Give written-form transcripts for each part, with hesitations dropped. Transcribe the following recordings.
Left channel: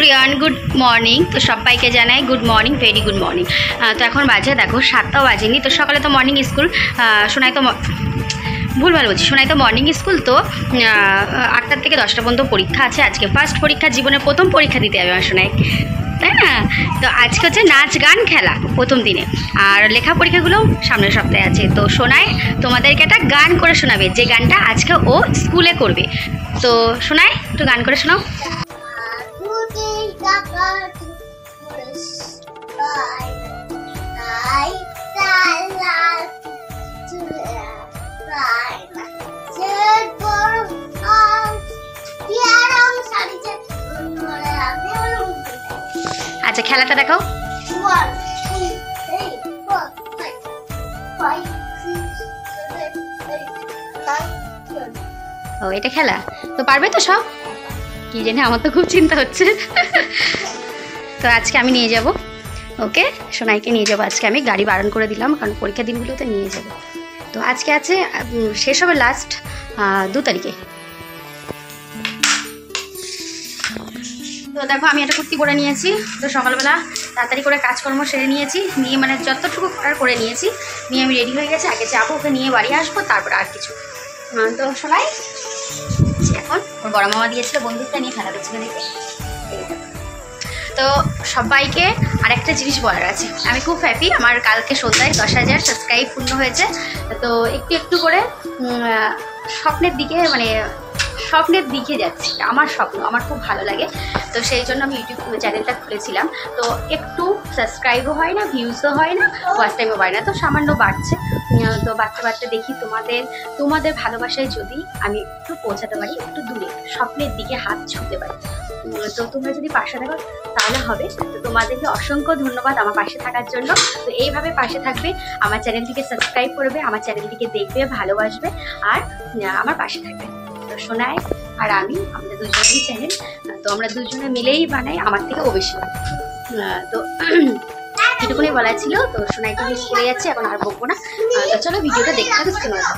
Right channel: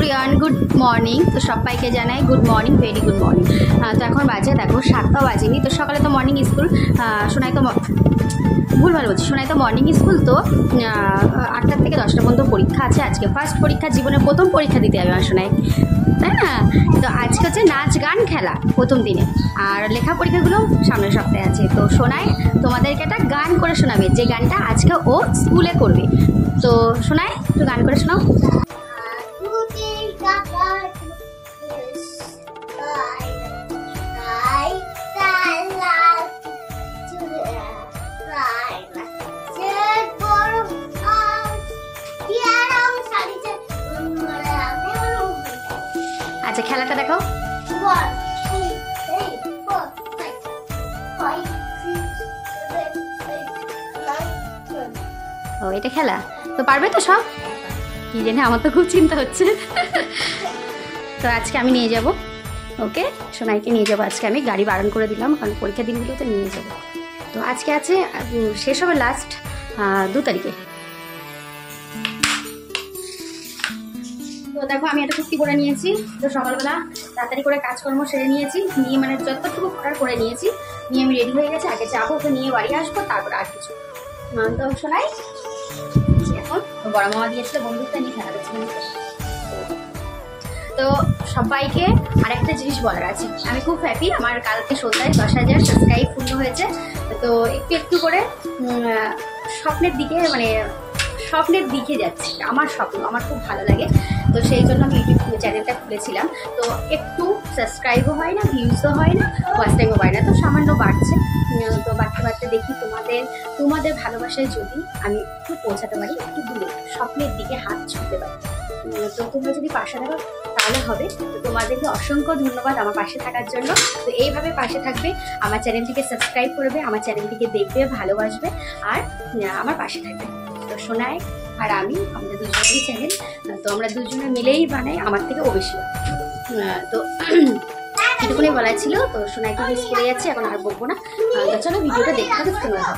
Everyone, good morning. তো সবাইকে জানাই good morning, very good morning. তো এখন বাজে দেখো 7টাও বাজেনি। তো সকালে তো মর্নিং স্কুল, শোনাই তো ভুলভাল বলছি, শোনাই তো মর্নিং স্কুল। তো 8টা থেকে 10টা পর্যন্ত পরীক্ষা আছে। আজকে ফার্স্ট পরীক্ষা, জীবনের প্রথম পরীক্ষা দিতে হবে আমার শোনাই, তাই না? তো আজকে হচ্ছে নাচ গান খেলা প্রথম দিনে, আর লেখা পরীক্ষাগুলো সামনের সপ্তাহে আছে। তো শোনাই তোমাদেরকে একটা গান করে শোনাবে, যে গানটা আজকে ও স্কুলে করবে। তো শোনাই একটু গান করে শোনাও। আচ্ছা, খেলাটা দেখাও। ও, এটা খেলা তো পারবে তো সব? কি জানি, আমার তো খুব চিন্তা হচ্ছে। তো আজকে আমি নিয়ে যাব, ওকে, সোনাইকে নিয়ে যাবো আজকে। আমি গাড়ি বারণ করে দিলাম, কারণ পরীক্ষা দিনগুলোতে নিয়ে যাব। তো আজকে আছে, শেষ হবে লাস্ট 2 তারিখে। তো দেখো, আমি একটা কুর্তি পরে নিয়েছি। তো সকালবেলা তাড়াতাড়ি করে কাজকর্ম সেরে নিয়েছি, নিয়ে মানে যতটুকু করার করে নিয়েছি, নিয়ে আমি রেডি হয়ে গেছি। আগে যাবো, ওকে নিয়ে বাড়ি আসবো, তারপর আর কিছু। তো শোনাই এখন ওর বড় মামা দিয়েছিল বন্ধুটা নিয়ে খেলা করছিল দেখে। তো সবাইকে আরেকটা জিনিস বলার আছে, আমি খুব হ্যাপি। আমার কালকে সন্ধ্যায় 10,000 সাবস্ক্রাইব পূর্ণ হয়েছে। তো একটু একটু করে স্বপ্নের দিকে যাচ্ছি। আমার স্বপ্ন, আমার খুব ভালো লাগে। তো সেই জন্য আমি ইউটিউব চ্যানেলটা খুলেছিলাম। তো একটু সাবস্ক্রাইবও হয় না, ভিউজও হয় না, ওয়াচ টাইমও পায় না। তো সামান্য বাড়ছে। তো বাড়তে বাড়তে দেখি তোমাদের ভালোবাসায় যদি আমি একটু পৌঁছাতে পারি, একটু দূরে স্বপ্নের দিকে হাত ছুঁতে পারি, তো তোমরা যদি পাশে থাকো তাহলে হবে। তো তোমাদেরকে অসংখ্য ধন্যবাদ আমার পাশে থাকার জন্য। তো এইভাবে পাশে থাকবে, আমার চ্যানেলটিকে সাবস্ক্রাইব করবে, আমার চ্যানেলটিকে দেখবে, ভালোবাসবে, আর আমার পাশে থাকবে। তো সোনাই আর আমি, আমাদের দুজনেরই চ্যানেল। তো আমরা দুজনে মিলেই বানাই, আমার থেকে ও বেশি। তো এটুকুনি বলা ছিল। তো সোনাইকে মিস করে যাচ্ছে, এখন আর বকবো না। তো চলো ভিডিওটা দেখতে হবে, স্ক্রিনে দাও।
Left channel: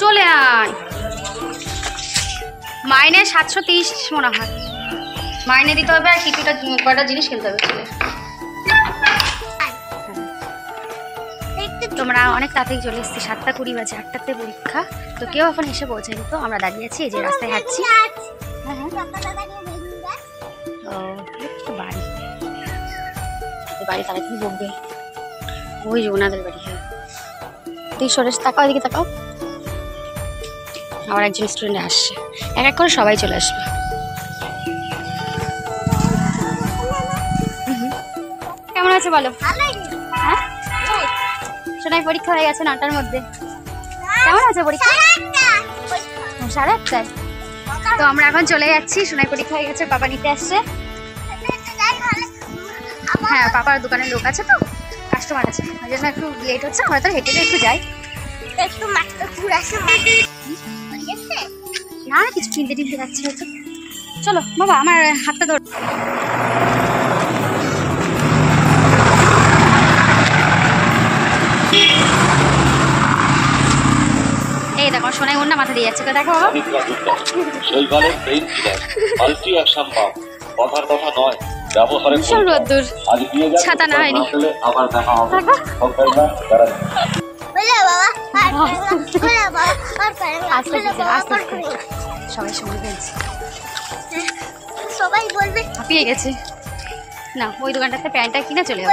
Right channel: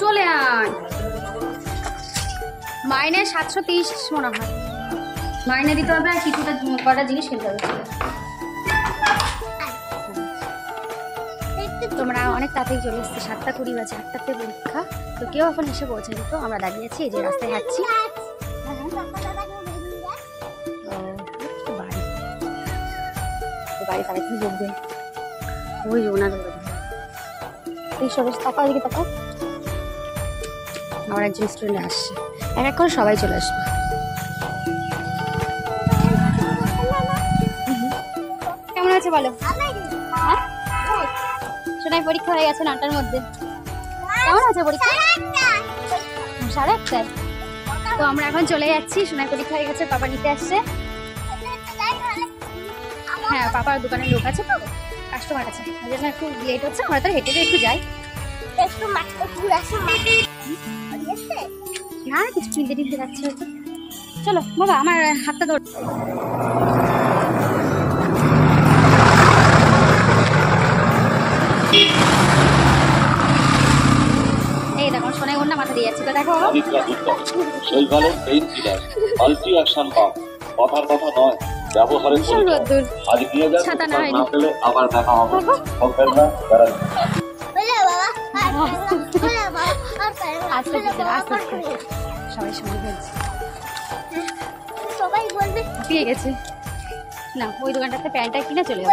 চলে আয়। মাইনে 730 মনে হয় মাইনে দিতে হবে, আর কিছুটা কয়টা জিনিস কিনতে হবে। তোমরা অনেক তাড়াতাড়ি চলে এসেছি, 7:20 বাজে, 8টাতে পরীক্ষা। তো কেউ এখন এসে পৌঁছায়নি। তো আমরা দাঁড়িয়ে আছি, এই যে রাস্তায় হাঁটছি। বাড়ি তাড়াতাড়ি বকবে, ওই যে ওনাদের বাড়ি। তুই সরেস, তাকাও, এদিকে তাকাও। আবার একজন স্টুডেন্ট আসছে, এক এক করে সবাই চলে আসবে। কেমন আছে বলো? হ্যাঁ, সোনাই পরীক্ষা হয়ে গেছে 9টার মধ্যে। কেমন আছে পরীক্ষা? 8:30। তো আমরা এখন চলে যাচ্ছি, সোনাই পরীক্ষা হয়ে গেছে, পাপা নিতে আসছে। হ্যাঁ, পাপার দোকানের লোক আছে, তো কাস্টমার আছে, ওই জন্য একটু লেট হচ্ছে। আমরা তো হেঁটে একটু যাই, না কিছু কিনতে টিনতে যাচ্ছে হয়তো। চলো বাবা, আমার হাতটা ধর। এই দেখো সোনাই ওর না মাথা দিয়ে যাচ্ছে। তো দেখো বাবা, ছাতা না হয়নি। সবাই বলবে হাঁপিয়ে গেছে না। ওই দোকানটাতে প্যান্টটা কিনে চলে যাবো,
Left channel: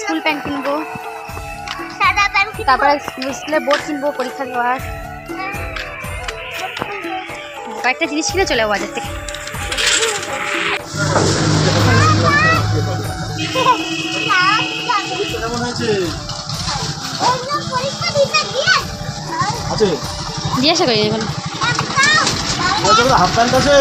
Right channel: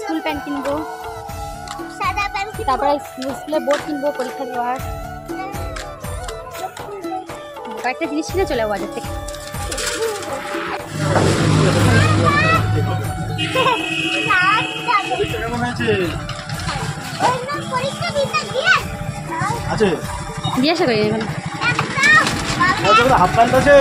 স্কুল প্যান্ট কিনবো, তারপরে স্কুলে বোর্ড কিনবো পরীক্ষা দেওয়ার, কয়েকটা জিনিস কিনে চলে যাবো বাজার থেকে। জিজ্ঞাসা করি এখন। হাফ প্যান্ট আছে।